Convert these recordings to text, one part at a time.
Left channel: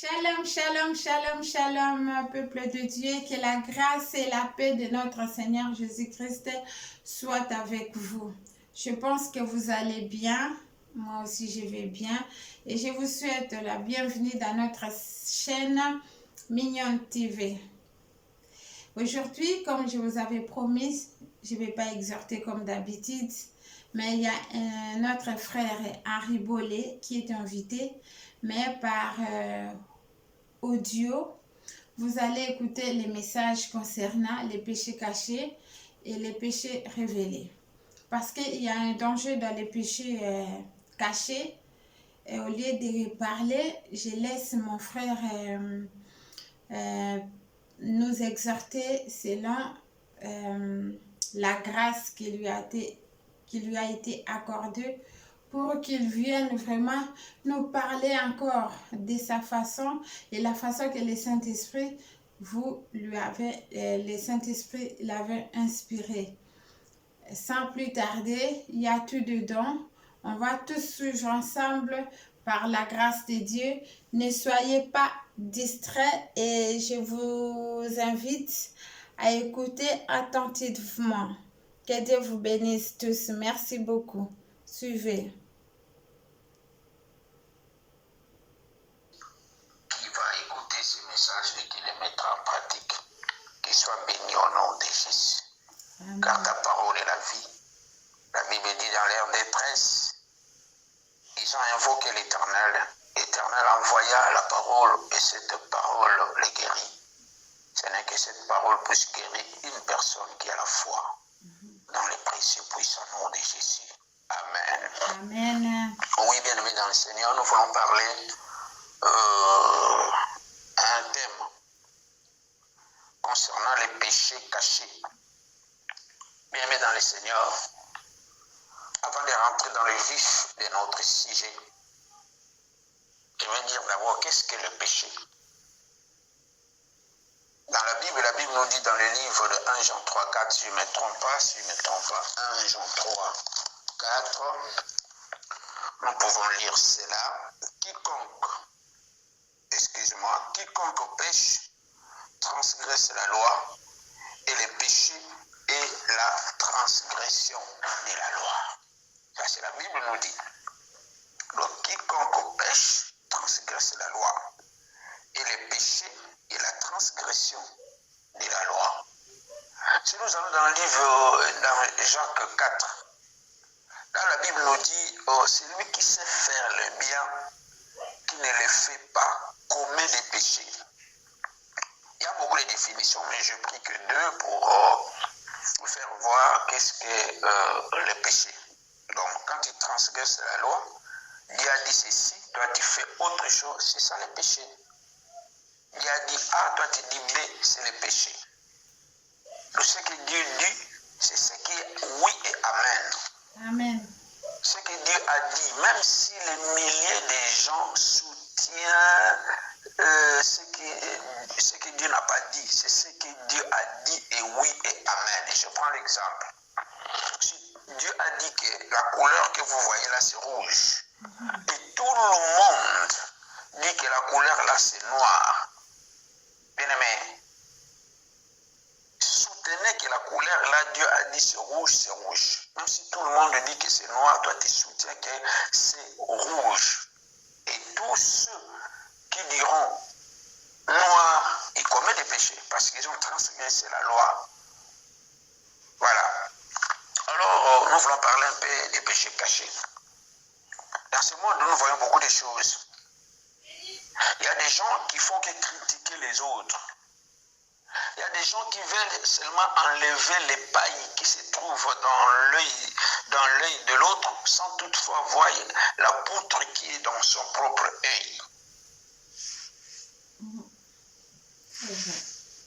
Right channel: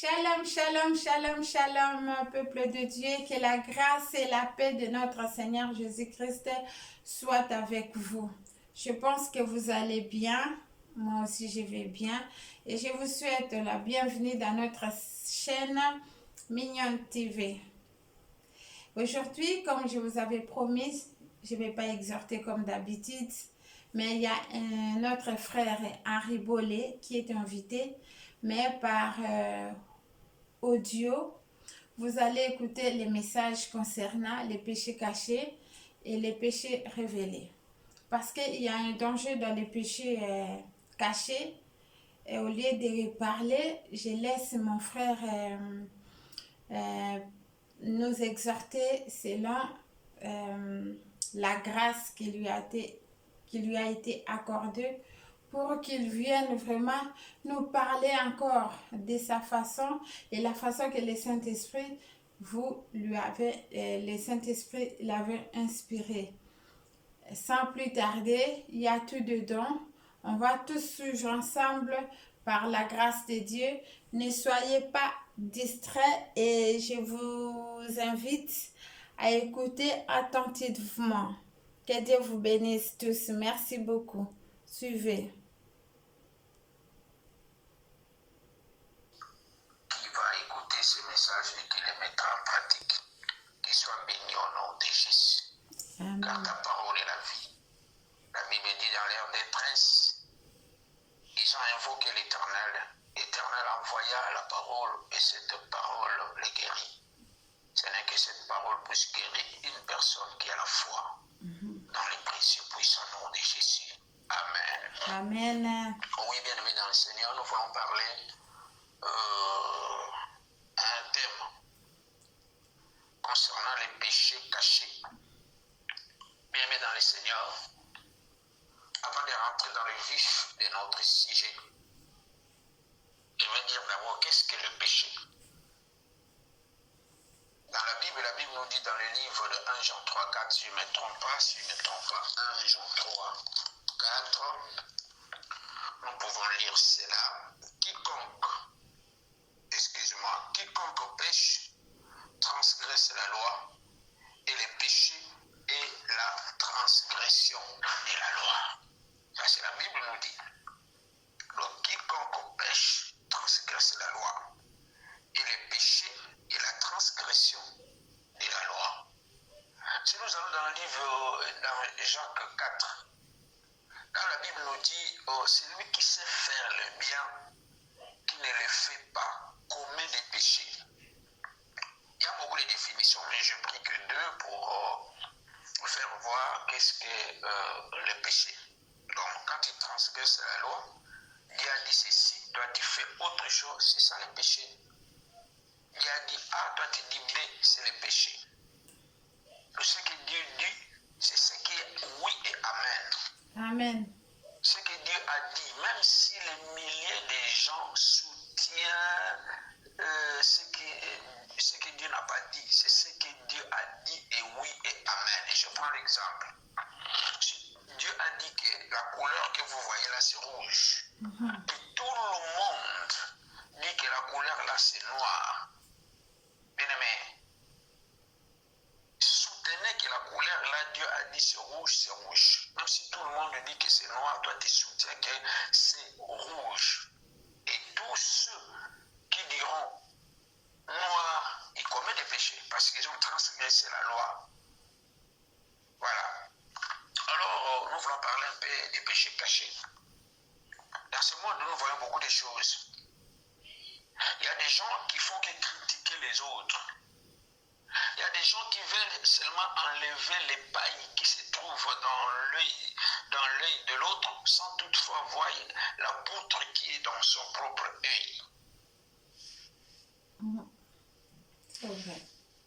Shalom, shalom, shalom, shalom, peuple de Dieu, que la grâce et la paix de notre Seigneur Jésus-Christ soient avec vous. Je pense que vous allez bien, moi aussi je vais bien, et je vous souhaite la bienvenue dans notre chaîne Mignonne TV. Aujourd'hui, comme je vous avais promis, je ne vais pas exhorter comme d'habitude, mais il y a notre frère Henri Bollet qui est invité, mais par audio, vous allez écouter les messages concernant les péchés cachés et les péchés révélés. Parce qu'il y a un danger dans les péchés cachés. Et au lieu de parler, je laisse mon frère nous exhorter selon la grâce qui lui a été accordée pour qu'il vienne vraiment nous parler encore de sa façon et la façon que le Saint-Esprit le Saint-Esprit l'avait inspiré. Sans plus tarder, il y a tout dedans. On va tous suivre ensemble par la grâce de Dieu. Ne soyez pas distraits et je vous invite à écouter attentivement. Que Dieu vous bénisse tous. Merci beaucoup. Suivez. Qui va écouter ce message et qui le mettra en pratique, qu'il soit béni au nom de Jésus. Amen. Car ta parole est la vie. La Bible dit dans leur détresse, ils ont invoqué l'Éternel. L'Éternel envoya la parole et cette parole les guérit. Ce n'est que cette parole puisse guérir une personne qui a la foi. Dans le précieux puissant nom de Jésus. Amen. Amen. Oui, bien-aimés dans le Seigneur, nous voulons parler un thème concernant les péchés cachés. Bien-aimés dans le Seigneur, avant de rentrer dans le vif de notre sujet, je vais dire d'abord qu'est-ce que le péché. Dans la Bible nous dit dans le livre de 1 Jean 3, 4, si je ne me trompe pas, 1 Jean 3, 4, nous pouvons lire cela. Quiconque pêche, transgresse la loi, et le péché est la transgression de la loi. Ça, c'est la Bible nous dit. Donc, quiconque pêche, transgresse la loi, et le péché est la transgression de la loi. Si nous allons dans le livre, dans Jacques 4, là, la Bible nous dit, celui qui sait faire le bien, qui ne le fait pas, commet des péchés. Il y a beaucoup de définitions, mais je prie que deux pour vous faire voir qu'est-ce que le péché. Donc, quand tu transgresses la loi, Dieu a dit ceci, toi tu fais autre chose, c'est ça le péché. Dieu a dit A, toi tu dis B, c'est le péché. Donc, ce que Dieu dit, c'est ce qui est oui et amen. Amen. Ce que Dieu a dit, même si les milliers de gens soutiennent ce que Dieu n'a pas dit, c'est ce que Dieu a dit et oui et amen. Et je prends l'exemple. Si Dieu a dit que la couleur que vous voyez là c'est rouge, et tout le monde dit que la couleur là c'est noir, bien aimé, soutenez que la couleur là Dieu a dit c'est rouge, c'est rouge. Même si tout le monde dit que c'est noir, toi tu soutiens que c'est rouge. Et tous ceux qui diront noir, ils commettent des péchés parce qu'ils ont transgressé la loi. Voilà. Alors, nous voulons parler un peu des péchés cachés. Dans ce monde, nous voyons beaucoup de choses. Il y a des gens qui font que critiquer les autres. Il y a des gens qui veulent seulement enlever les pailles qui se trouvent dans l'œil de l'autre sans toutefois voir la poutre qui est dans son propre œil.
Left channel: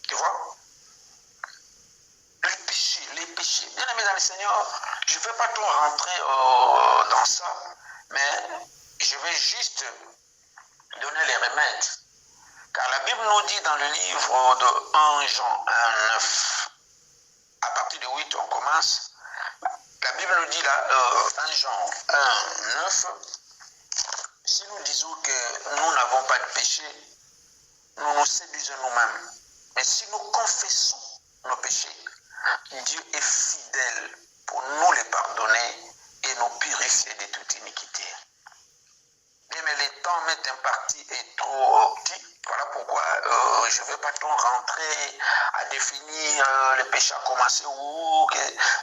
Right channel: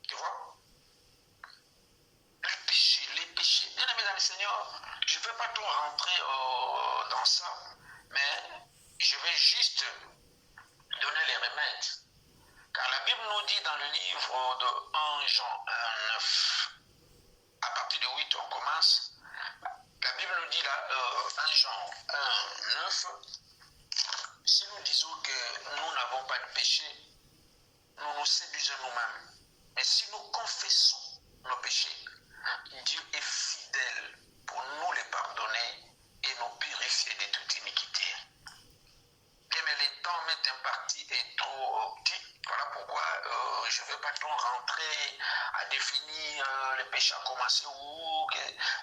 Tu vois? Les péchés. Bien aimé dans le Seigneur, je ne vais pas trop rentrer dans ça, mais je vais juste donner les remèdes. Car la Bible nous dit dans le livre de 1 Jean 1, 9, à partir de 8, on commence. La Bible nous dit là, 1 Jean 1, 9, si nous disons que nous n'avons pas de péché, nous nous séduisons nous-mêmes. Mais si nous confessons nos péchés, Dieu est fidèle pour nous les pardonner et nous purifier de toute iniquité. Mais le temps m'est imparti est trop petit. Voilà pourquoi je ne vais pas trop rentrer à définir le péché a commencé où.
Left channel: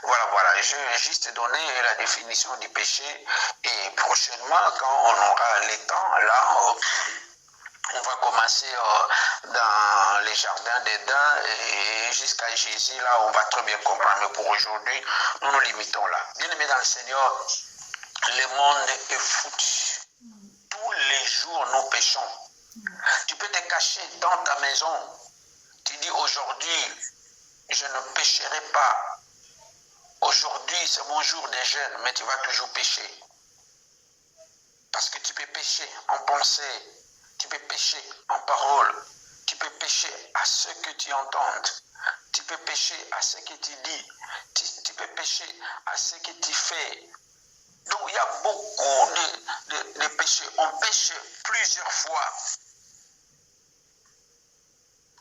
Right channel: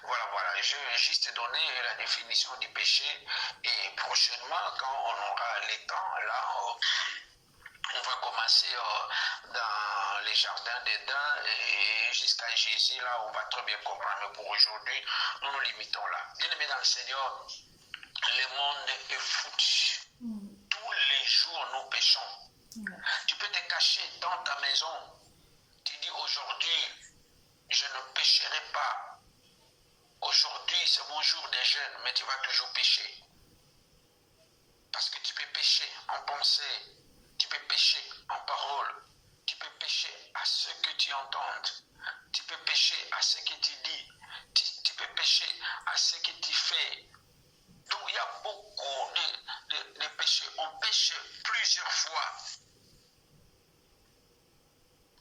Voilà. Je vais juste donner la définition du péché. Et prochainement, quand on aura le temps, là, on va commencer dans les jardins d'Éden et jusqu'à Jésus. Là, on va très bien comprendre. Mais pour aujourd'hui, nous nous limitons là. Bien-aimés dans le Seigneur, le monde est foutu. Tous les jours, nous péchons. Tu peux te cacher dans ta maison. Tu dis aujourd'hui, je ne pécherai pas. Aujourd'hui, c'est mon jour de jeûne, mais tu vas toujours pécher. Parce que tu peux pécher en pensée, tu peux pécher en parole, tu peux pécher à ce que tu entends, tu peux pécher à ce que tu dis, tu peux pécher à ce que tu fais. Donc il y a beaucoup de péchés. On pêche plusieurs fois.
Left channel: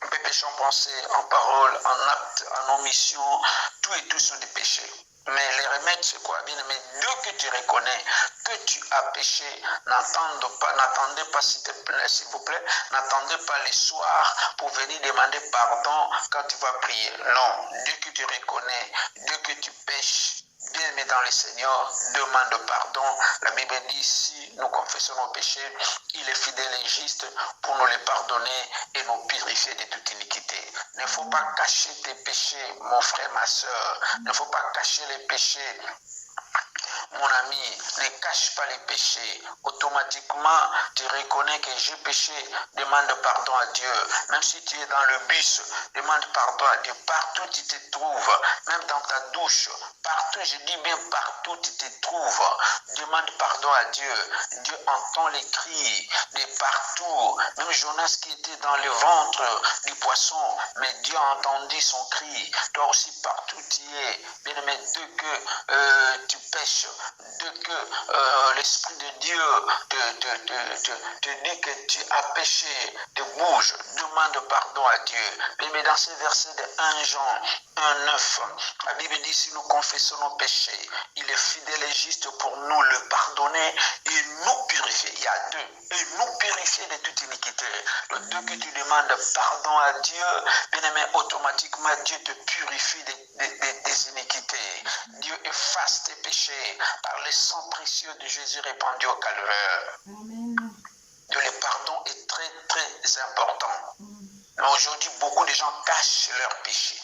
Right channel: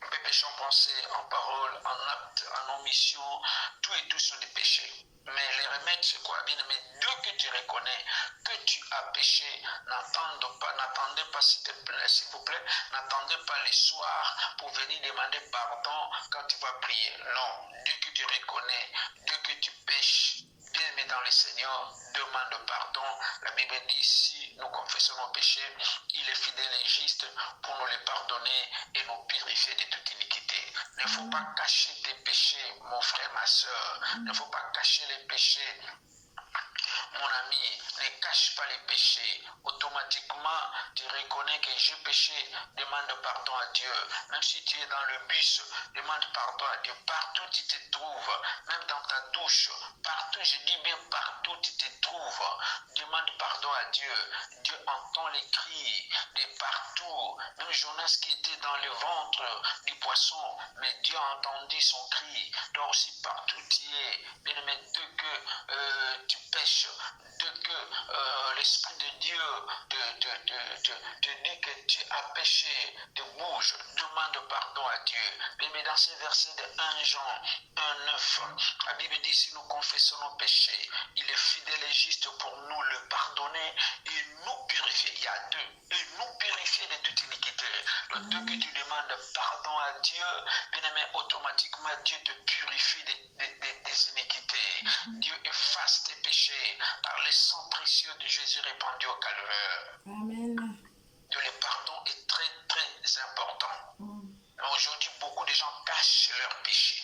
On peut pécher en pensée, en parole, en acte, en omission. Tout et tout sont des péchés. Mais les remèdes, c'est quoi? Bien aimé, dès que tu reconnais que tu as péché, n'attendez pas, s'il vous plaît, n'attendez pas les soirs pour venir demander pardon quand tu vas prier. Non, dès que tu reconnais, dès que tu pêches, bien aimé dans le Seigneur, demande pardon. La Bible dit, si nous confessons nos péchés, il est fidèle et juste pour nous les pardonner et nous purifier de toute iniquité. Il ne faut pas cacher tes péchés, mon frère, ma soeur. Il ne faut pas cacher les péchés. Mon ami, ne cache pas les péchés. Automatiquement, tu reconnais que j'ai péché, demande pardon à Dieu. Même si tu es dans le bus, demande pardon à Dieu. Partout tu te trouves, même dans ta douche, partout, je dis bien partout tu te trouves, demande pardon à Dieu. Dieu entend les cris de partout. Même Jonas qui était dans le ventre du poisson, mais Dieu a entendu son cri. Toi aussi, partout tu es. Bien aimé, dès que tu pêches, dès que l'Esprit de Dieu te dit que tu as péché, te bouge, demande pardon à Dieu. Mais dans ce verset de 1 Jean 1,9, la Bible dit, si nous confessons nos péchés, il est fidèle et juste pour nous le pardonner et nous purifier. Il y a deux. Et nous purifier de toute iniquité. Le Dieu que tu demandes pardon à Dieu, bien aimé, automatiquement Dieu te purifie des iniquités. Dieu efface tes péchés par le sang précieux de Jésus répandu au calvaire. Amen. Dieu, le pardon est très, très important. Mais aujourd'hui, beaucoup de gens cachent leurs péchés.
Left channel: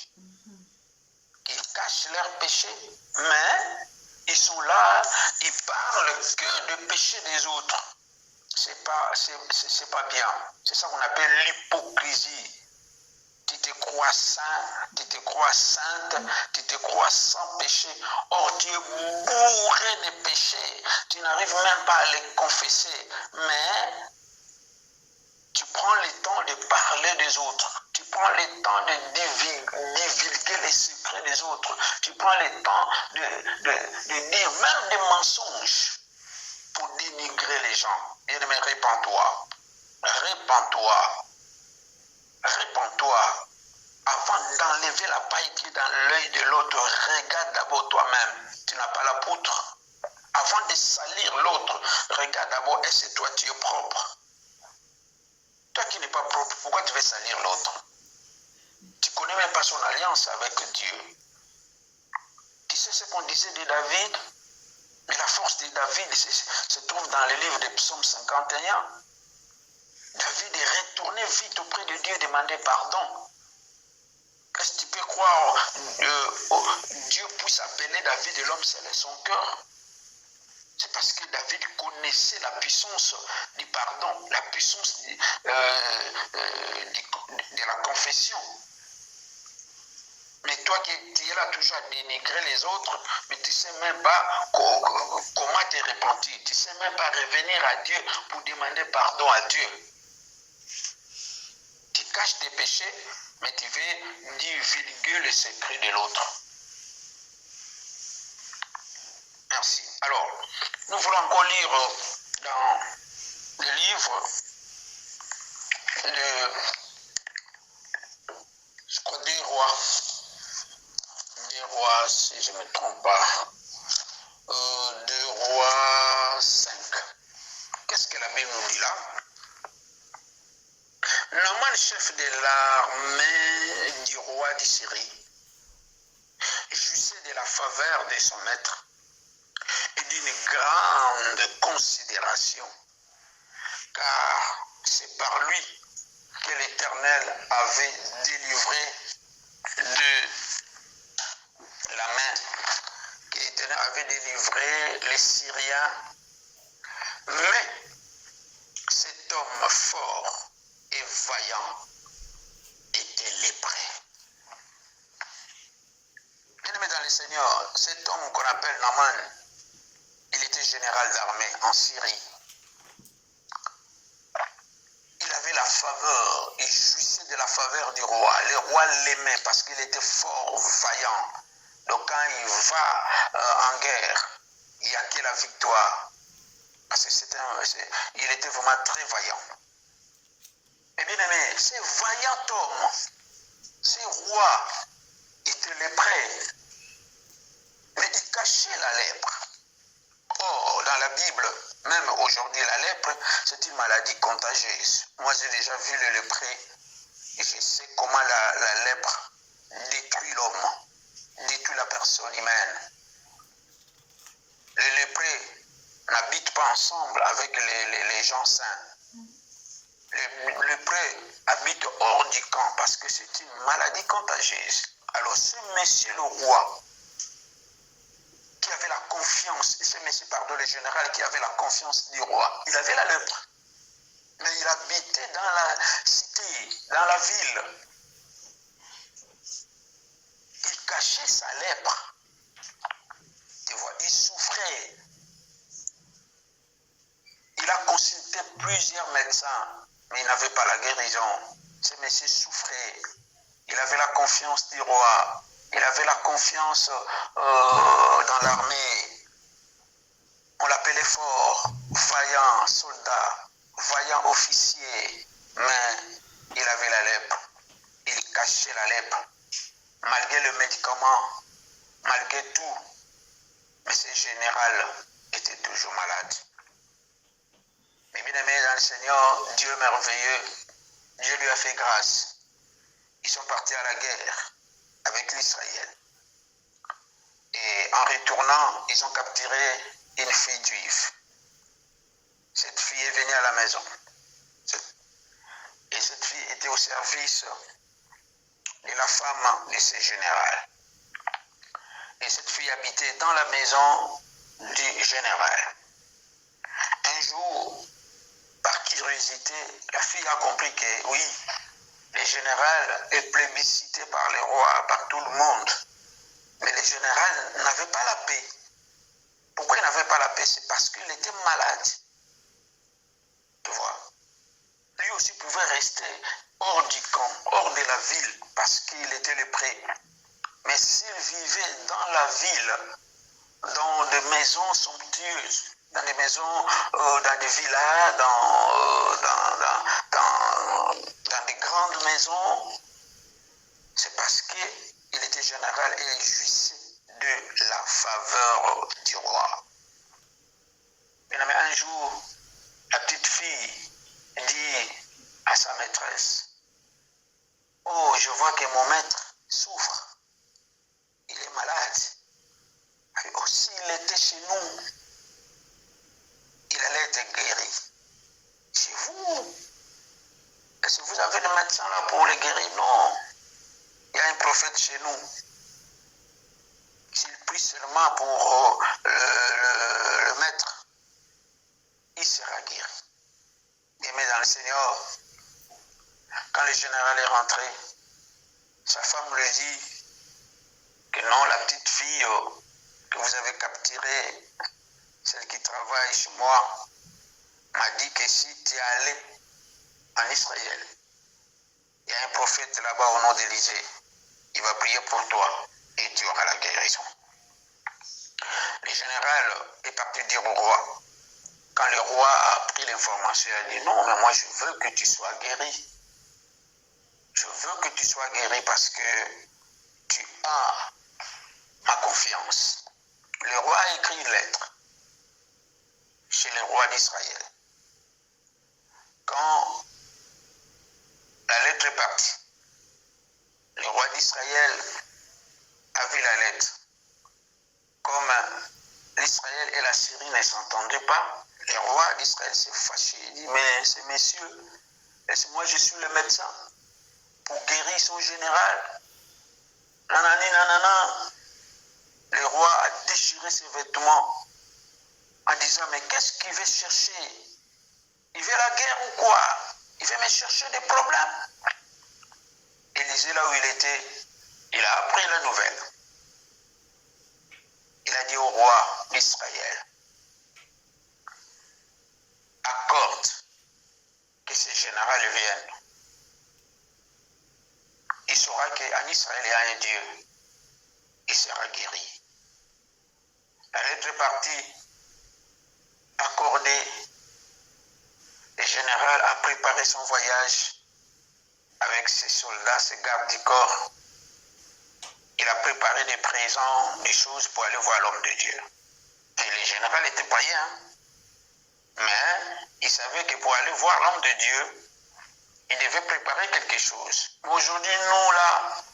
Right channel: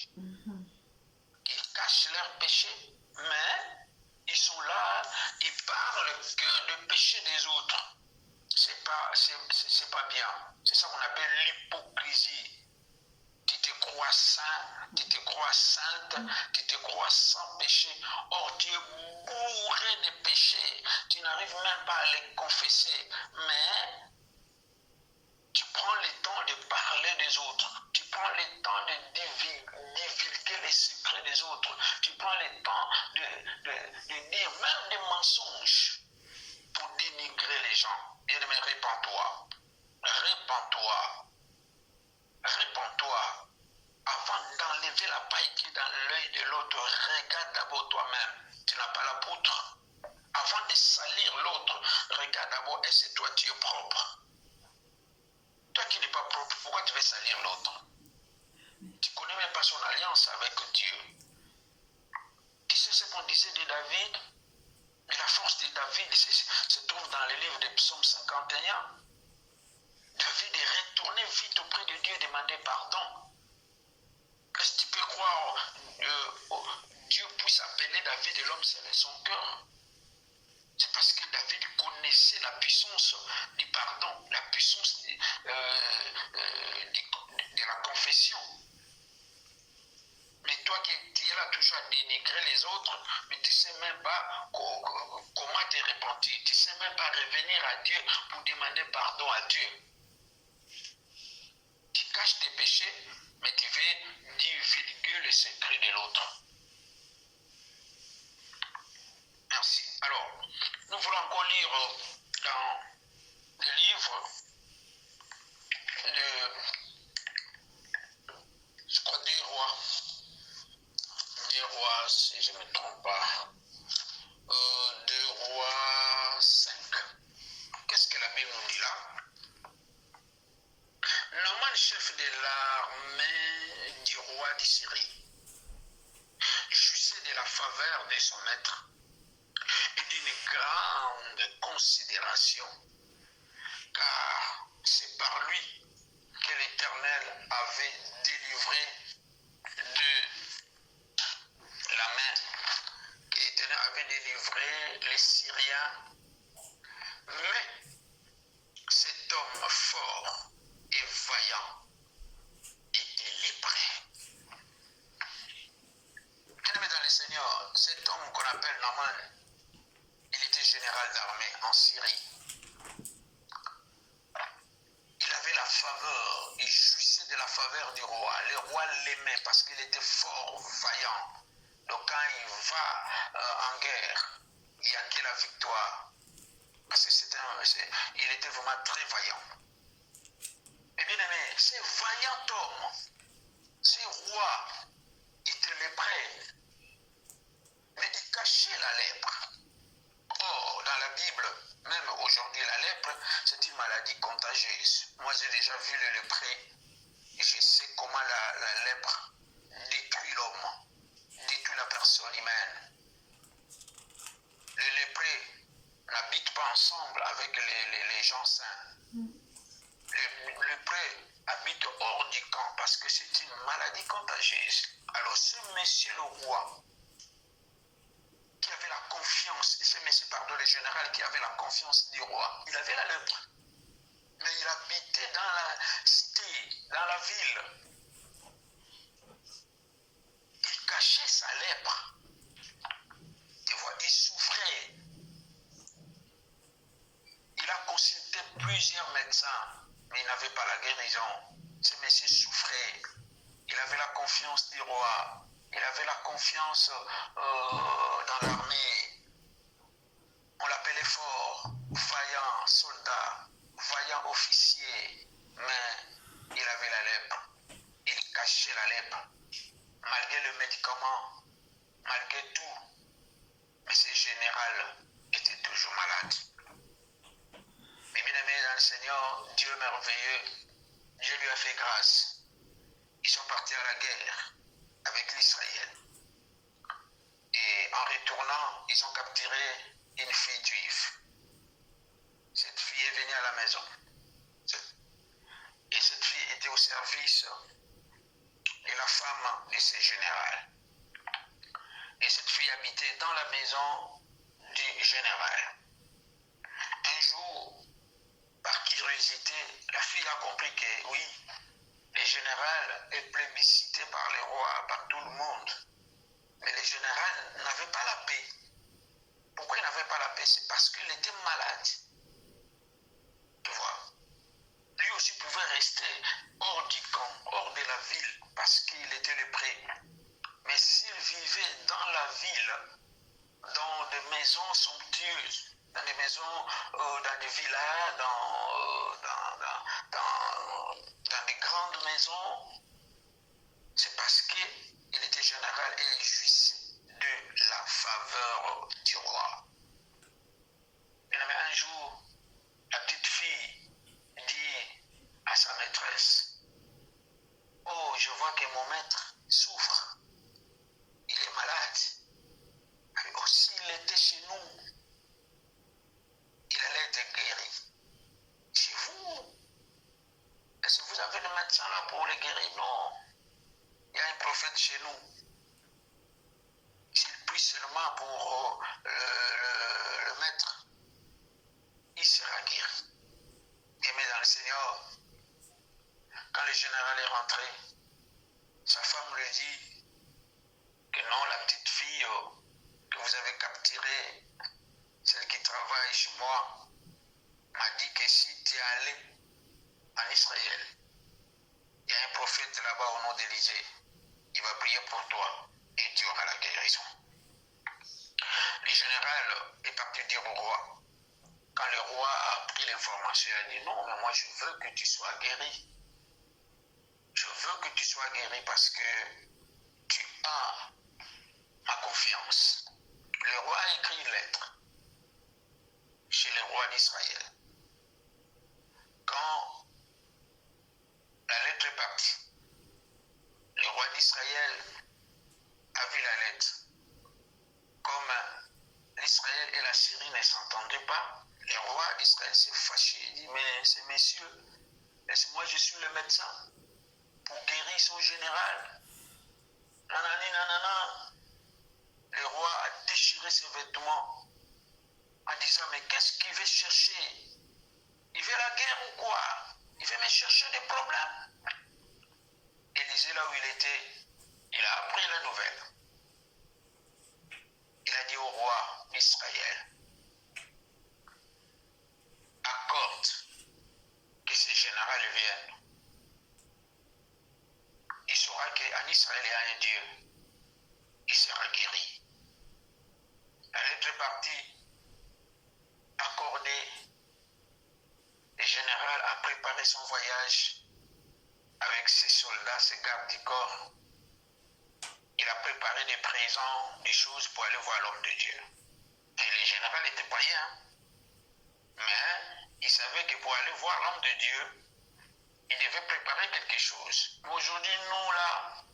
Ils cachent leurs péchés, mais ils sont là, ils parlent que le péché des autres. C'est pas bien. C'est ça qu'on appelle l'hypocrisie. Tu te crois saint, tu te crois sainte, tu te crois sans péché. Or, tu es bourré de péchés. Tu n'arrives même pas à les confesser. Mais tu prends le temps de parler des autres. Tu prends le temps de divulguer les secrets des autres. Tu prends le temps de dire même des mensonges pour dénigrer les gens. Bien-aimé, répands-toi. Répands-toi. Répands-toi. Avant d'enlever la paille qui est dans l'œil de l'autre, regarde d'abord toi-même. Tu n'as pas la poutre. Avant de salir l'autre, regarde d'abord, est-ce que toi tu es propre? Toi qui n'es pas propre, pourquoi tu veux salir l'autre? Tu connais même pas son alliance avec Dieu. Tu sais ce qu'on disait de David? Mais la force de David se trouve dans le livre de Psaume 51. David est retourné vite auprès de Dieu et demandé pardon. Est-ce que tu peux croire Dieu puisse appeler David l'homme selon son cœur? C'est parce que David connaissait la puissance du pardon, la puissance de la confession. Mais toi qui es là toujours à dénigrer les autres, mais tu ne sais même pas comment te repentir. Tu ne sais même pas revenir à Dieu pour demander pardon à Dieu. Tu caches tes péchés, mais tu veux divulguer le secret de l'autre. Merci. Alors, nous voulons encore lire dans le livre de, je crois, des rois, si je ne me trompe pas, 2 rois 5. Qu'est-ce que la Bible nous dit là? Naaman, chef de l'armée du roi d'Assyrie, jouissait de la faveur de son maître et d'une grande considération, car c'est par lui que l'Éternel avait délivré de la main, que l'Éternel avait délivré les Syriens. Mais cet homme fort et vaillant était lépré. Bien-aimé dans le Seigneur, cet homme qu'on appelle Naaman, il était général d'armée en Syrie. Il avait la faveur, il jouissait de la faveur du roi. Le roi l'aimait parce qu'il était fort, vaillant. Donc quand il va en guerre, il n'y a que la victoire. Parce qu'il était vraiment très vaillant. Mais bien aimé, ce vaillant homme, ce roi était lépré. Mais il cachait la lèpre. Or, dans la Bible, même aujourd'hui, la lèpre, c'est une maladie contagieuse. Moi, j'ai déjà vu le lépré et je sais comment la lèpre détruit l'homme, détruit la personne humaine. Les léprés n'habitent pas ensemble avec les gens sains. Les léprés habitent hors du camp parce que c'est une maladie contagieuse. Alors, ce monsieur le roi, qui avait la confiance, ce monsieur, pardon, le général qui avait la confiance du roi, il avait la lèpre. Mais il habitait dans la cité, dans la ville. Il cachait sa lèpre. Tu vois, il souffrait. Il a consulté plusieurs médecins, mais il n'avait pas la guérison. Ce monsieur souffrait. Il avait la confiance du roi. Il avait la confiance dans l'armée. On l'appelait fort, vaillant soldat, vaillant officier. Mais il avait la lèpre. Il cachait la lèpre. Malgré le médicament, malgré tout. Mais ce général était toujours malade. Mais bien aimé dans le Seigneur, Dieu merveilleux, Dieu lui a fait grâce. Ils sont partis à la guerre avec l'Israël. Et en retournant, ils ont capturé une fille juive. Cette fille est venue à la maison. Et cette fille était au service de la femme de ce général. Et cette fille habitait dans la maison du général. Un jour, par curiosité, la fille a compris que oui, le général est plébiscité par les rois, par tout le monde. Mais le général n'avait pas la paix. Pourquoi il n'avait pas la paix? C'est parce qu'il était malade. Tu vois? Lui aussi pouvait rester hors du camp, hors de la ville, parce qu'il était lépré. Mais s'il vivait dans la ville, dans des maisons somptueuses, dans des maisons, dans des villas, dans des grandes maisons, c'est parce qu'il était général et il jouissait de la faveur du roi. Mais un jour, la petite fille dit à sa maîtresse, « Oh, je vois que mon maître souffre. Il est malade. Alors, s'il était chez nous, il allait être guéri. Chez vous, est-ce que vous avez le médecin là pour le guérir? Non. Il y a un prophète chez nous. S'il prie seulement pour le maître, il sera guéri. » Mais dans le Seigneur, quand le général est rentré, sa femme lui dit que non, la petite fille que vous avez capturée, celle qui travaille chez moi, m'a dit que si tu es allé en Israël, il y a un prophète là-bas au nom d'Élisée, il va prier pour toi et tu auras la guérison. Le général est parti dire au roi, Quand le roi a pris l'information, il a dit non, mais moi je veux que tu sois guéri. Je veux que tu sois guéri parce que tu as ma confiance. Le roi a écrit une lettre chez le roi d'Israël. Quand la lettre est partie, le roi d'Israël a vu la lettre. Comme l'Israël et la Syrie ne s'entendaient pas, le roi d'Israël s'est fâché. Il dit, mais ces messieurs, moi je suis le médecin pour guérir son général. Nanani, nanana. Le roi a déchiré ses vêtements en disant, mais qu'est-ce qu'il veut chercher? Il veut la guerre ou quoi? Il veut me chercher des problèmes. Élisée, là où il était, il a appris la nouvelle. Il a dit au roi d'Israël, accorde que ces généraux viennent. Il saura qu'en Israël, il y a un Dieu. Il sera guéri. La lettre est partie, accordée. Le général a préparé son voyage avec ses soldats, ses gardes du corps. Il a préparé des présents, des choses pour aller voir l'homme de Dieu. Et le général était païen. Mais il savait que pour aller voir l'homme de Dieu, il devait préparer quelque chose. Aujourd'hui, nous, là,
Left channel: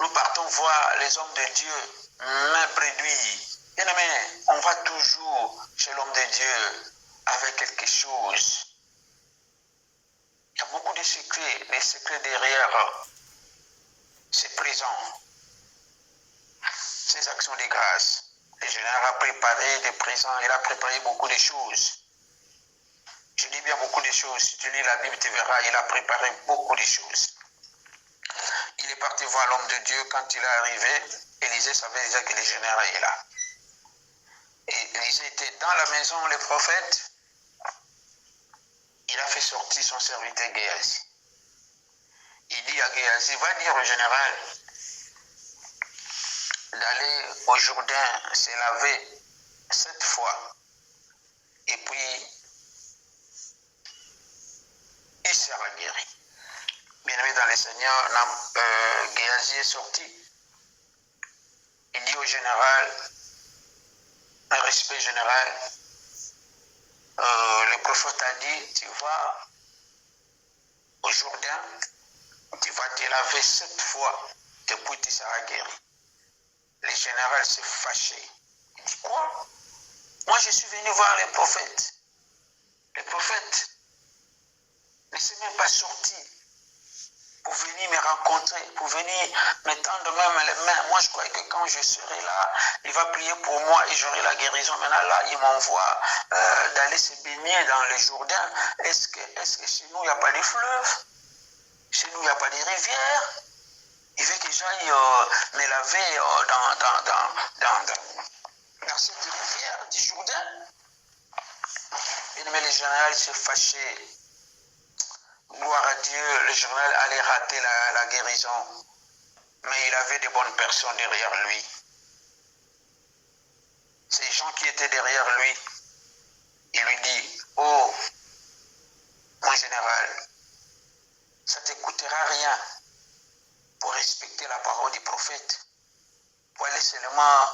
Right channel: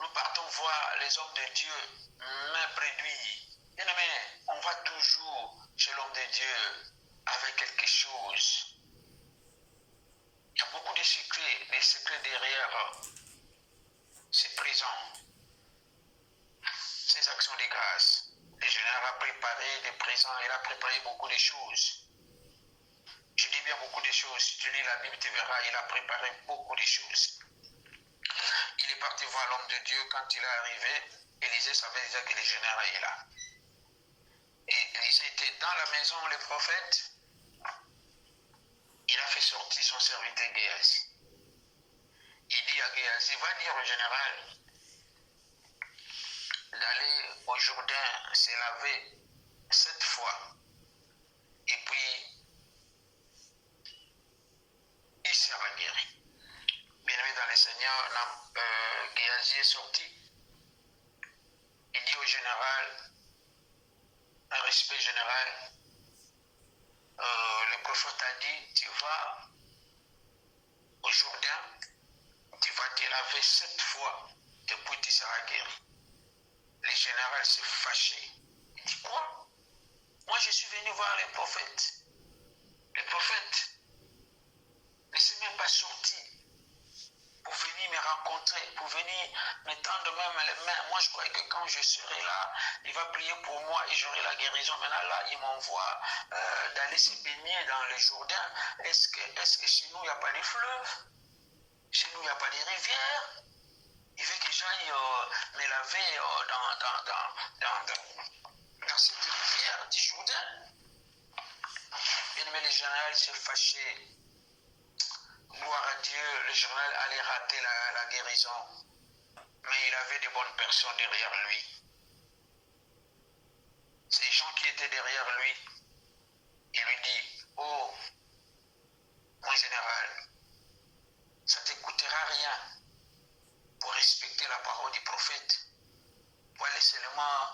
nous partons voir les hommes de Dieu, main réduits. Bien aimé, on va toujours chez l'homme de Dieu avec quelque chose. Il y a beaucoup de secrets, les secrets derrière ces présents, ces actions de grâce. Le général a préparé des présents, il a préparé beaucoup de choses. Je dis bien beaucoup de choses. Si tu lis la Bible, tu verras, il a préparé beaucoup de choses. Il est parti voir l'homme de Dieu. Quand il est arrivé, Élisée savait déjà que le général est là. Et Élisée était dans la maison, le prophète. Il a fait sortir son serviteur Géasi. Il dit à Géasi, va dire au général d'aller au Jourdain se laver 7 fois. Et puis, il sera guéri. Bien-aimé dans le Seigneur, Géasi est sorti. Il dit au général, un respect général, le prophète a dit, tu vas au Jourdain, tu vas te laver 7 fois, et puis tu seras guéri. Le général s'est fâché. Il dit, quoi? Moi, je suis venu voir le prophète. Le prophète ne s'est même pas sorti pour venir me rencontrer, pour venir me tendre même les mains. Moi, je croyais que quand je serai là, il va prier pour moi et j'aurai la guérison. Maintenant, là, il m'envoie d'aller se baigner dans le Jourdain. Est-ce que chez nous, il n'y a pas de fleuves? Chez nous, il n'y a pas de rivières? Il veut que j'aille me laver dans cette rivière du Jourdain. Mais le général s'est fâché. Gloire à Dieu, le général allait rater la guérison. Mais il avait de bonnes personnes derrière lui. Ces gens qui étaient derrière lui, il lui dit, oh, mon général, ça ne te coûtera rien pour respecter la parole du prophète. Pour aller seulement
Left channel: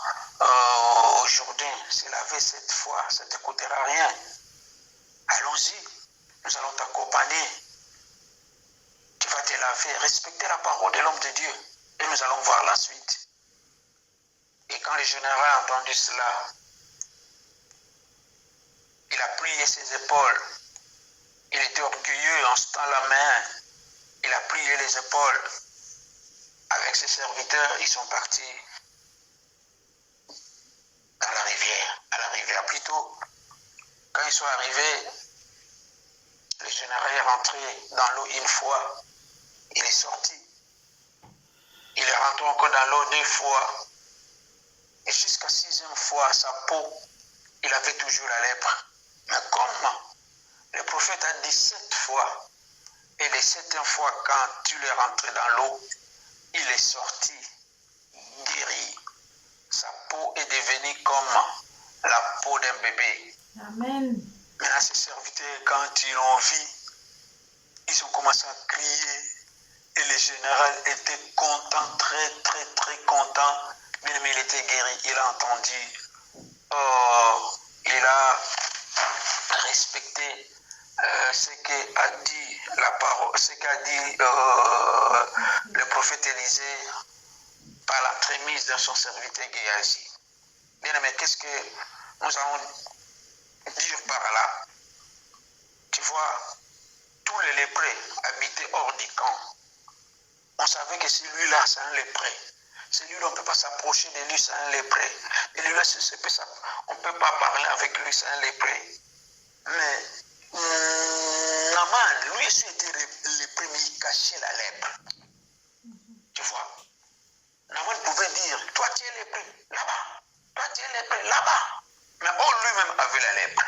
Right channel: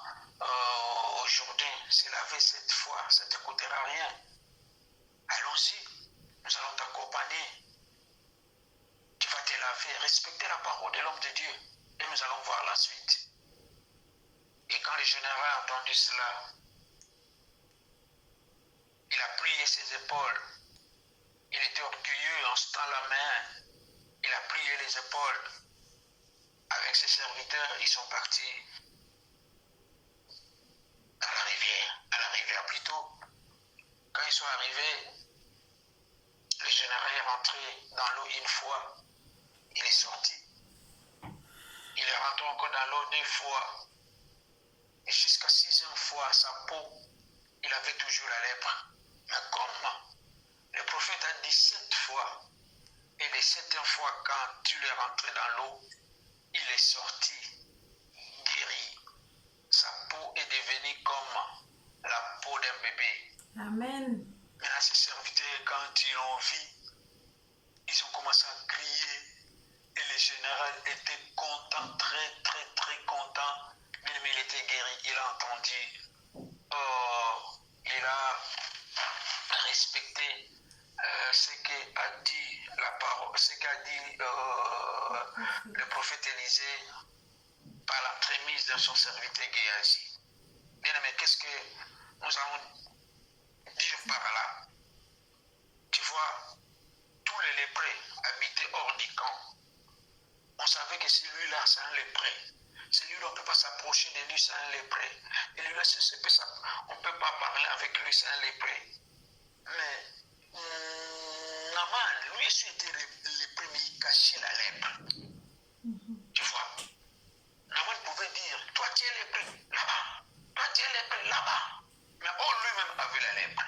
au Jourdain, se laver 7 fois, ça ne te coûtera rien. Allons-y, nous allons t'accompagner. Tu vas te laver, respecter la parole de l'homme de Dieu. Et nous allons voir la suite. Et quand le général a entendu cela, il a plié ses épaules. Il était orgueilleux en se tendant la main. Il a plié les épaules. Avec ses serviteurs, ils sont partis à la rivière plutôt. Quand ils sont arrivés, le général est rentré dans l'eau une fois. Il est sorti. Il est rentré encore dans l'eau 2 fois. Et jusqu'à 6e fois, sa peau, il avait toujours la lèpre. Mais comme le prophète a dit 7 fois, et les 7e fois, quand tu l'es rentré dans l'eau, il est sorti, guéri. Sa peau est devenue comme la peau d'un bébé. Amen. Maintenant, ces serviteurs, quand ils l'ont vu, ils ont commencé à crier. Et le général était content, très, très, très content. Mais il était guéri. Il a entendu. Il a respecté ce qu'a dit la parole, ce qu'a dit le prophète Élisée par l'entremise de son serviteur Géasi. Bien aimé, qu'est-ce que nous allons dire par là? Tu vois, tous les lépreux habitaient hors du camp. On savait que celui-là, c'est un lépreux. Celui-là, on ne peut pas s'approcher de lui, c'est un lépreux. Et lui-là, on ne peut pas parler avec lui, c'est un lépreux. Mais Naaman, lui aussi était lépreux, mais il cachait la lèpre. Tu vois? Naaman pouvait dire, toi tu es lépreux, là-bas. Toi tu es lépreux, là-bas. Mais lui-même avait la lèpre.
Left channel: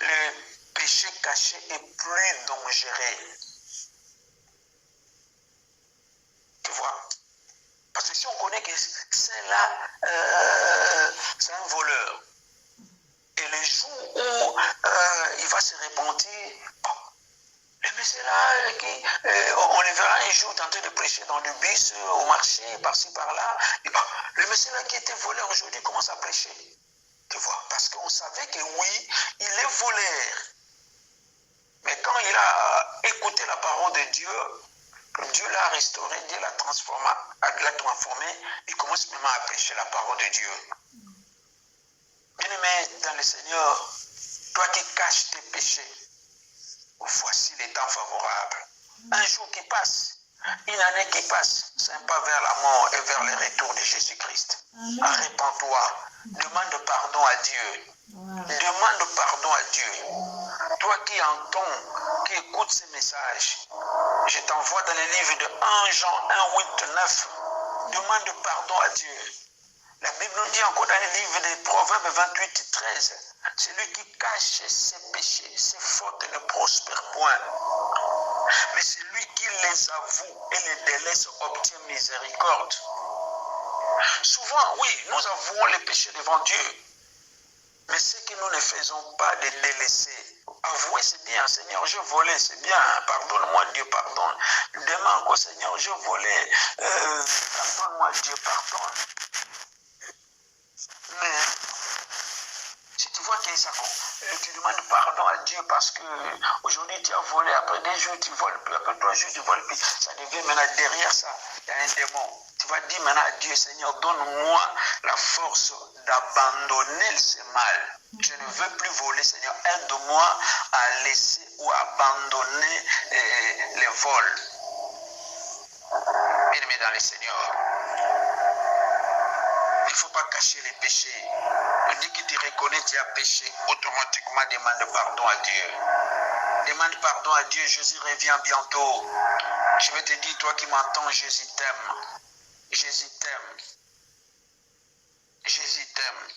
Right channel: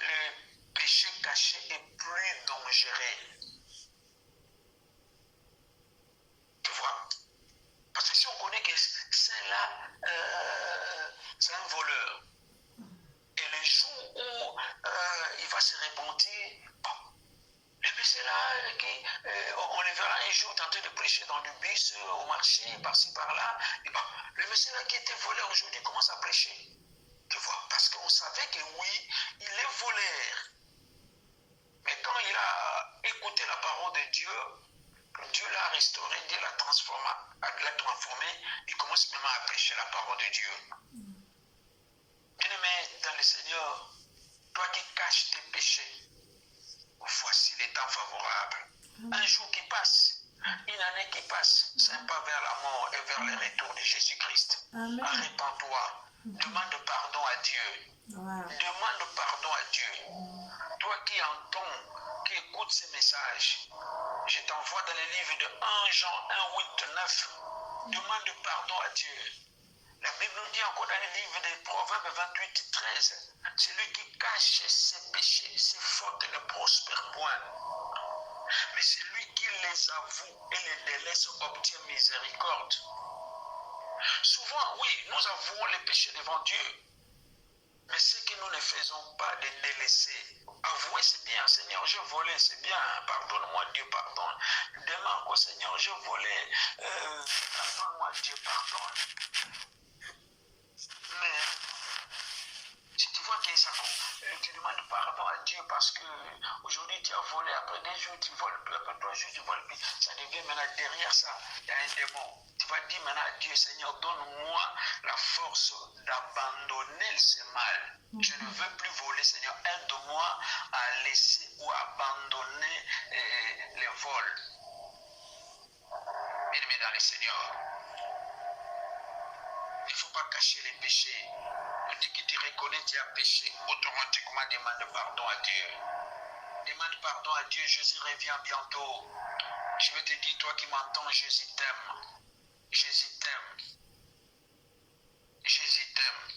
Le péché caché est plus dangereux. Tu vois? Parce que si on connaît que c'est-là, c'est un voleur, et le jour où il va se repentir, le monsieur-là, on le verra un jour tenter de prêcher dans le bus, au marché, par-ci, par-là, le monsieur-là qui était voleur aujourd'hui commence à prêcher. Tu vois? Parce qu'on savait que oui, il est voleur. Mais quand il a écouté la parole de Dieu, Dieu l'a restauré, Dieu l'a transformé, il commence même à prêcher la parole de Dieu. Bien-aimé dans le Seigneur, toi qui caches tes péchés, voici les temps favorables. Un jour qui passe, une année qui passe, c'est un pas vers la mort et vers le retour de Jésus-Christ. Arrête-toi, demande pardon à Dieu. Demande pardon à Dieu. Toi qui entends, qui écoutes ces messages, je t'envoie dans le livre de 1 Jean 1, 8, 9. Demande pardon à Dieu. La Bible nous dit encore dans le livre des Proverbes 28, 13, celui qui cache ses péchés, ses fautes ne prospère point. Mais celui qui les avoue et les délaisse obtient miséricorde. Souvent, oui, nous avouons les péchés devant Dieu. Mais ce que nous ne faisons pas de délaisser. Avouer, c'est bien. Seigneur, j'ai volé, c'est bien. Pardonne-moi, Dieu, pardonne. Demain encore, Seigneur, j'ai volé. Pardonne-moi, Dieu, pardonne. Mais si tu vois que ça, tu demandes pardon à Dieu parce que aujourd'hui tu as volé, après 2 jours tu voles plus, après 3 jours tu voles plus, ça devient maintenant derrière ça, il y a un démon. Tu vas dire maintenant à Dieu, Seigneur, donne-moi la force d'abandonner ce mal. Je ne veux plus voler, Seigneur, aide-moi à laisser ou à abandonner les vols. Bien-aimé dans le Seigneur, il ne faut pas cacher les péchés. Dès que tu reconnais que tu as péché, automatiquement demande pardon à Dieu. Demande pardon à Dieu, Jésus revient bientôt. Je vais te dire, toi qui m'entends, Jésus t'aime. Jésus t'aime. Jésus t'aime.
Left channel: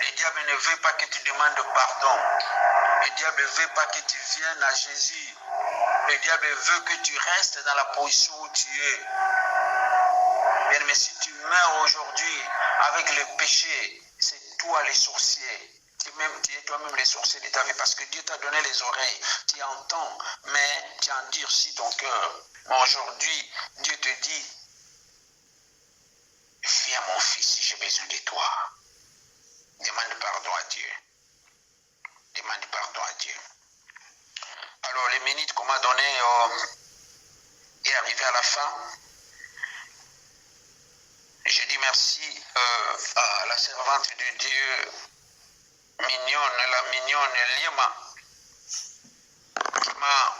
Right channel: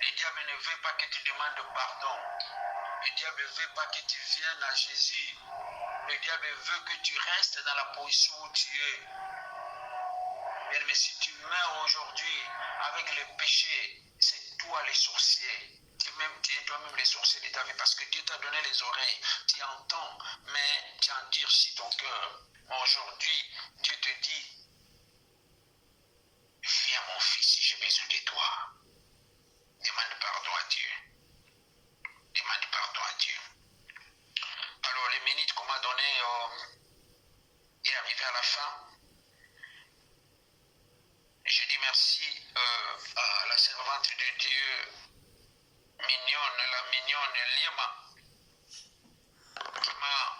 Le diable ne veut pas que tu demandes pardon. Le diable ne veut pas que tu viennes à Jésus. Le diable veut que tu restes dans la position où tu es. Bien, mais si tu meurs aujourd'hui avec le péché, c'est toi les sorciers. Tu es toi-même les sorciers de ta vie parce que Dieu t'a donné les oreilles. Tu entends, mais tu endurcis ton cœur. Mais aujourd'hui, Dieu te dit, viens mon fils, j'ai besoin de toi. Demande pardon à Dieu. Demande pardon à Dieu. Alors, les minutes qu'on m'a données est arrivé à la fin. Je dis merci à la servante de Dieu, la mignonne Lima, qui m'a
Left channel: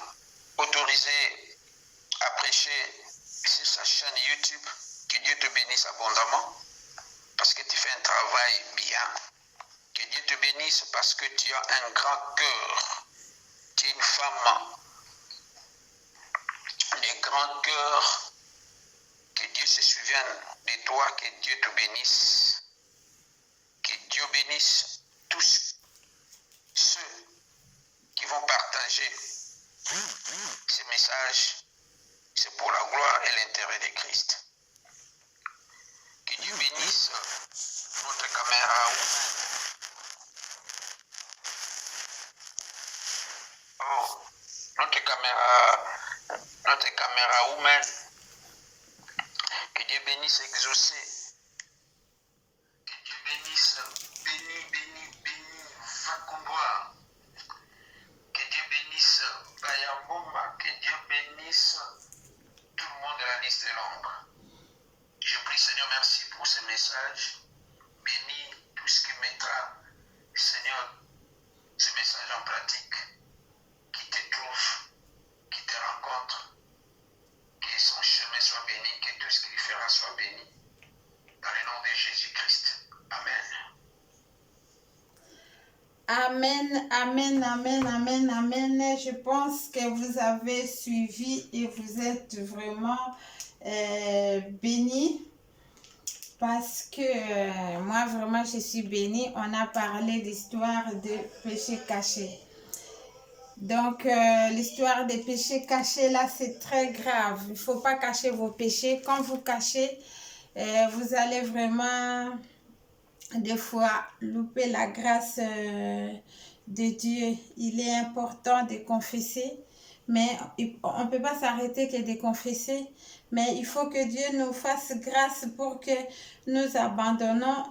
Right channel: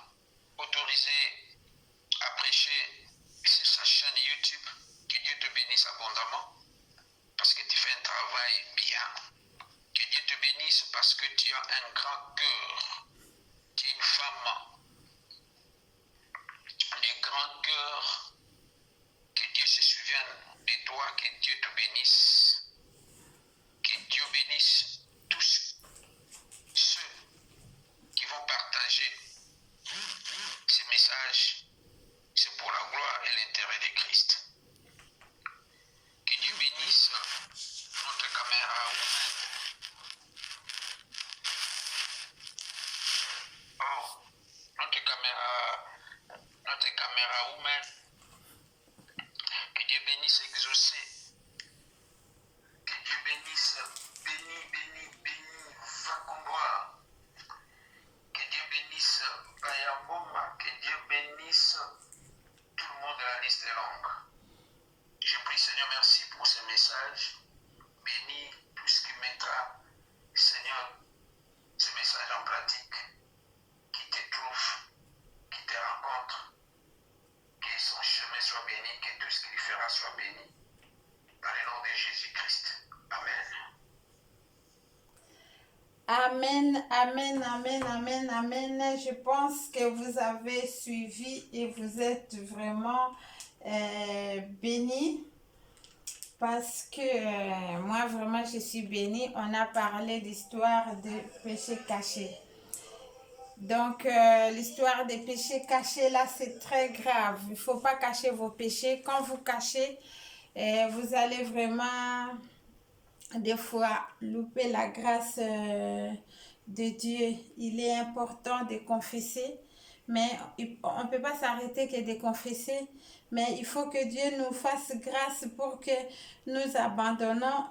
autorisé à prêcher sur sa chaîne YouTube. Que Dieu te bénisse abondamment, parce que tu fais un travail bien. Que Dieu te bénisse parce que tu as un grand cœur. Tu es une femme de grand cœur. Que Dieu se souvienne de toi, que Dieu te bénisse. Que Dieu bénisse tous ceux qui vont partager ces messages. C'est pour la gloire et l'intérêt de Christ. Que Dieu bénisse notre caméra. Amen, amen, amen, amen. Je pense que vous avez suivi et vous êtes vraiment bénis. Parce que moi, vraiment, je suis bénie. On a parlé d'histoire de péché caché. Donc, l'histoire des péchés cachés, là, c'est très grave. Il ne faut pas cacher vos péchés. Quand vous cachez, vous allez vraiment, des fois, louper la grâce de Dieu. Il est important de confesser, mais on ne peut pas s'arrêter que de confesser. Mais il faut que Dieu nous fasse grâce pour que nous abandonnons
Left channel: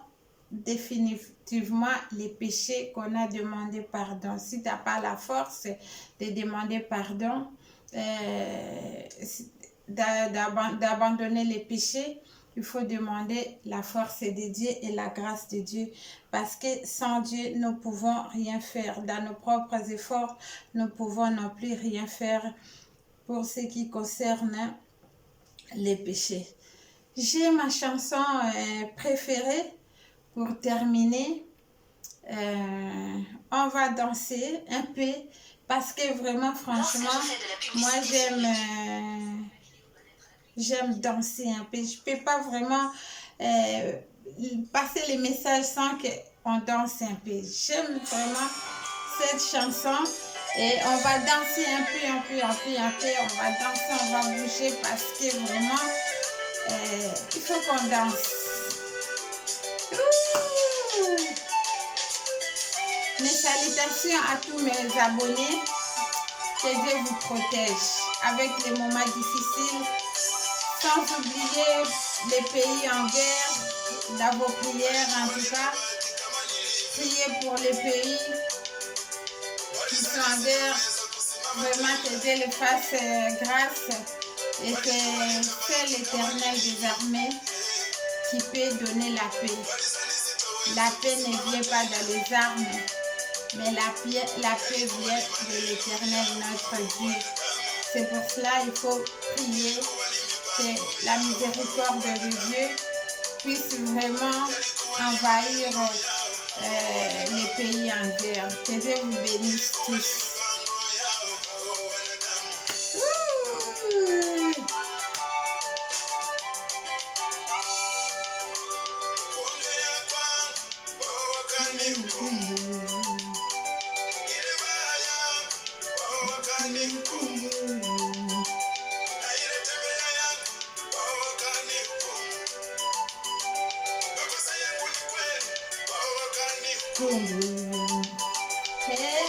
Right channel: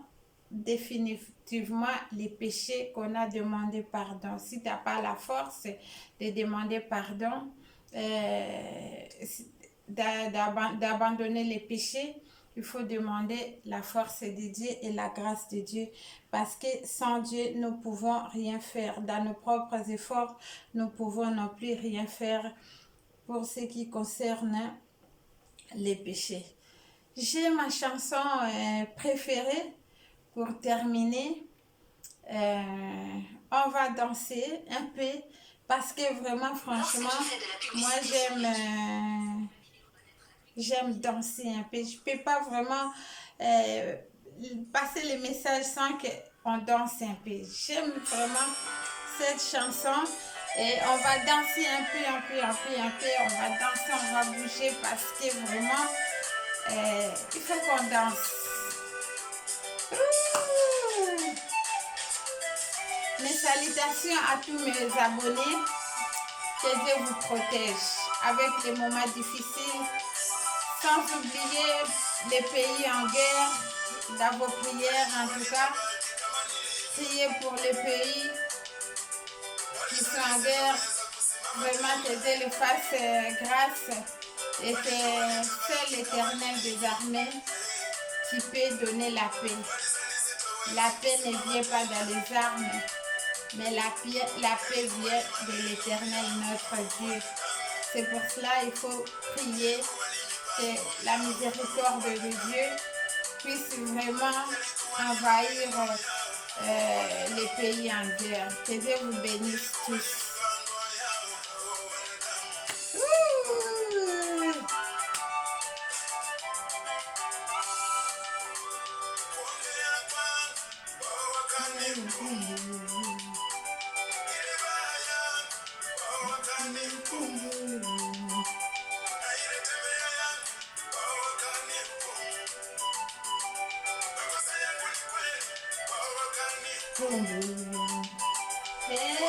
définitivement les péchés qu'on a demandé pardon. Si tu n'as pas la force de demander pardon, d'abandonner les péchés, il faut demander la force de Dieu et la grâce de Dieu. Parce que sans Dieu, nous ne pouvons rien faire. Dans nos propres efforts, nous ne pouvons non plus rien faire pour ce qui concerne les péchés. J'ai ma chanson préférée pour terminer. On va danser un peu parce que vraiment, franchement, moi j'aime danser un peu. Je peux pas vraiment passer les messages sans qu'on danse un peu. J'aime vraiment cette chanson et on va danser un peu. On va danser, on va bouger parce que vraiment, il faut qu'on danse. Ouh! Mes salutations à tous mes abonnés. Que Dieu vous protège avec les moments difficiles. Sans oublier les pays en guerre, dans vos prières en tout cas. Priez pour les pays qui sont en guerre. Vraiment que Dieu les fasse grâce et que c'est l'Éternel des armées qui peut donner la paix. La paix ne vient pas dans les armes, mais la paix vient de l'Éternel notre Dieu. C'est pour cela qu'il faut prier que la miséricorde de Dieu puisse vraiment envahir les pays en guerre. Que Dieu vous bénisse tous. Hey!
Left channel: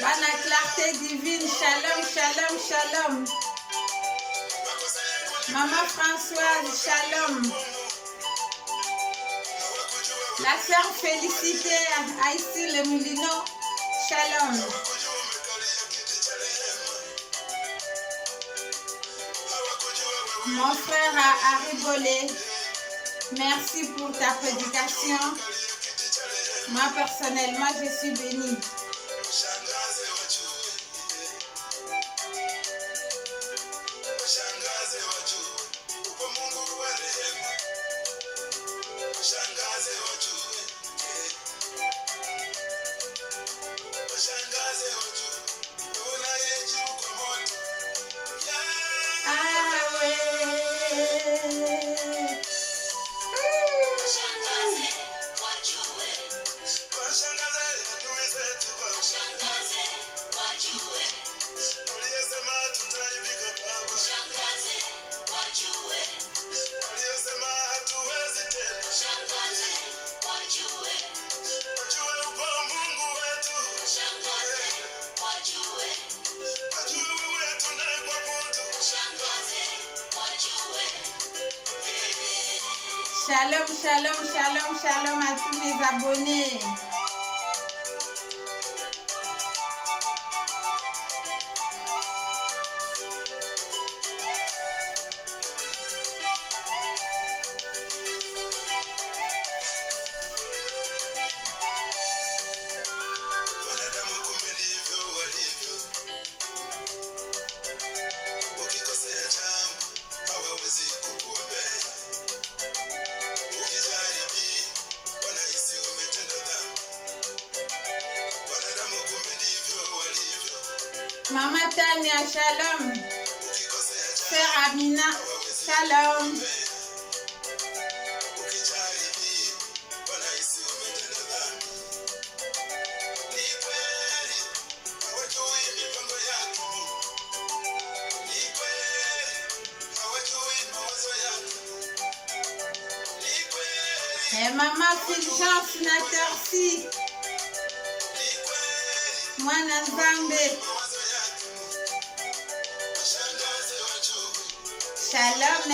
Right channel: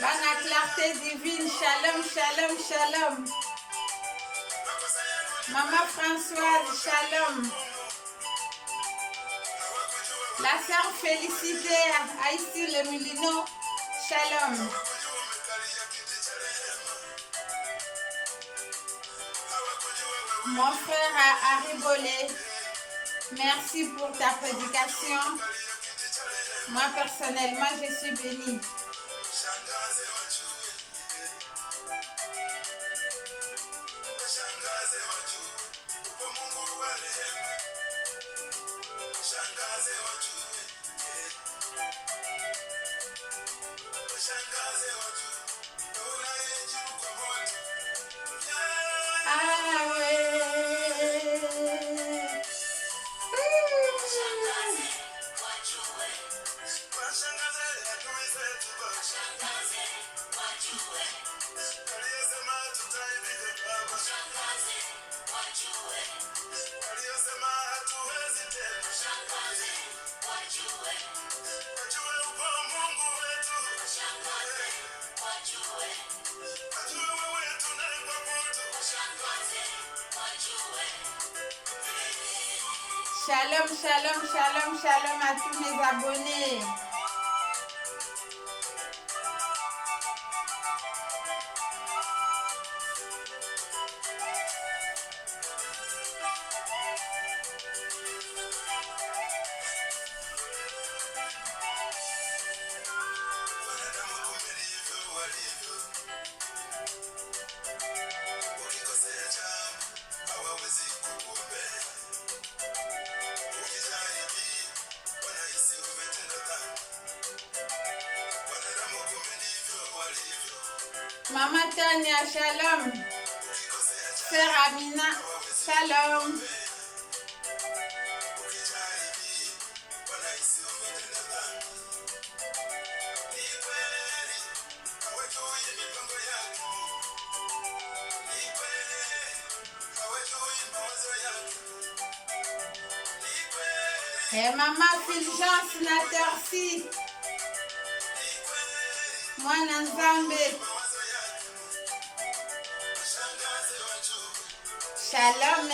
Bonne clarté divine, shalom, shalom, shalom. Maman Françoise, shalom. La sœur Félicité, Aïssi le Moulino, shalom. Mon frère Aribolé, merci pour ta prédication. Moi personnellement, je suis bénie. Shalom, shalom, shalom, shalom à tous mes abonnés. Maman Tania, shalom. Sœur Amina, shalom. Et maman Fulgence Natorsi. Mwana Nzambe. Shalom.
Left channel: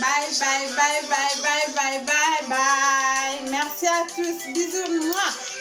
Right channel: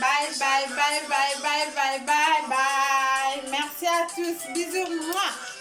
Bye, bye, bye, bye, bye, bye, bye, bye. Merci à tous. Bisous, moi.